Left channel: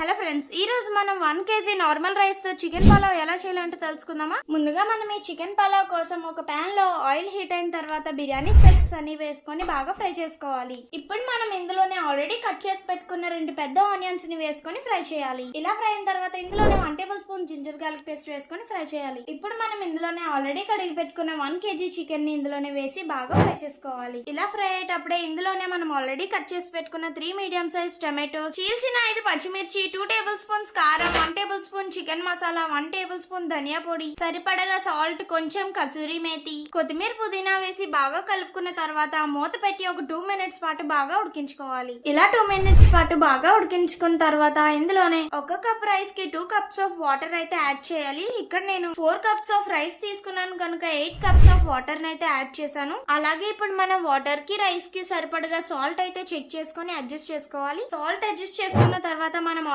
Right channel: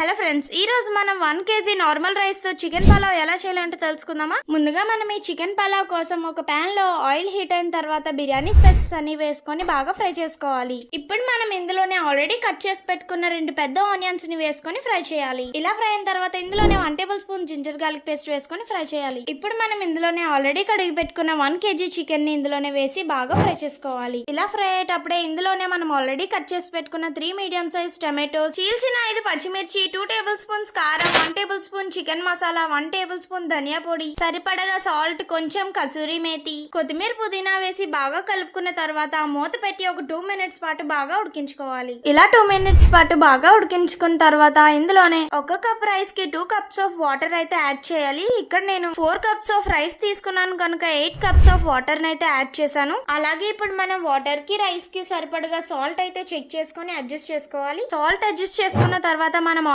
Hello friends, ఈ రోజు మనం 1 కేజీ నార్మల్ రైస్ తో చికెన్ పలావ్ ఎలా చేయాలంటే తెలుసుకుందామా. ముందుగా మనం ఈ చికెన్ పలావ్ కోసం ఒక పాన్ లో ఆయిల్ హీట్ అయిన తర్వాత బిర్యానీ స్పైసెస్ అన్ని వేసుకొని బాగా ఫ్రై చేసుకోవాలి. ఇప్పుడు మనం ఇందులోనే ఆల్రెడీ కట్ చేసి పెట్టుకున్న 2 పెద్ద ఆనియన్స్ ని వేసుకొని ఫ్రై చేయాలి. ఇలా ఫ్రై అయిన తర్వాత ఇందులోనే 1 table spoon ginger garlic paste వేసుకొని ఫ్రై చేయాలి. ఇప్పుడు మనం ఇందులోనే ఆల్రెడీ కడిగి పెట్టుకున్న 1 కేజీ చికెన్ ని ఇందులోనే వేసి బాగా ఫ్రై చేసుకోవాలి. ఇలా ఫ్రై అయ్యేటప్పుడే ఇందులోనే మనం ఆల్రెడీ కట్ చేసి పెట్టుకున్న 3 మీడియం సైజ్ టమాటోస్, చీల్చిన 5 పచ్చిమిర్చి, 2 టేబుల్ స్పూన్స్ కారం, 1 table spoon chicken masala, 1 table spoon ధనియా పొడి, సరిపడగా సాల్ట్, కొంచెం కసూరి మేతి, కొత్తిమీర, పుదీనా వేసి బాగా కలుపుకున్న తర్వాత మూత పెట్టి ఒక 2 మినిట్స్ పాటు బాగా ఉడికించుకోవాలి. ఇలా 2 మినిట్స్ పాటు బాగా ఉడికించుకున్న తర్వాత ఇందులోనే 1 కప్ రైస్ కి 2 కప్స్ ఆఫ్ వాటర్ అయితే యాడ్ చేయాలి. ఇక్కడ నేను 4 కప్స్ ఆఫ్ రైస్ తీసుకున్నాను కనుక 8 కప్స్ ఆఫ్ వాటర్ అయితే యాడ్ చేశాను. అలాగే ఇప్పుడు మనం వాటర్ కి రైస్ కి సరిపడగా సాల్ట్ అయితే చెక్ చేసుకొని అడ్జస్ట్ చేసుకోవాలి. సాల్ట్ అడ్జస్ట్ చేసుకున్న తర్వాత మనం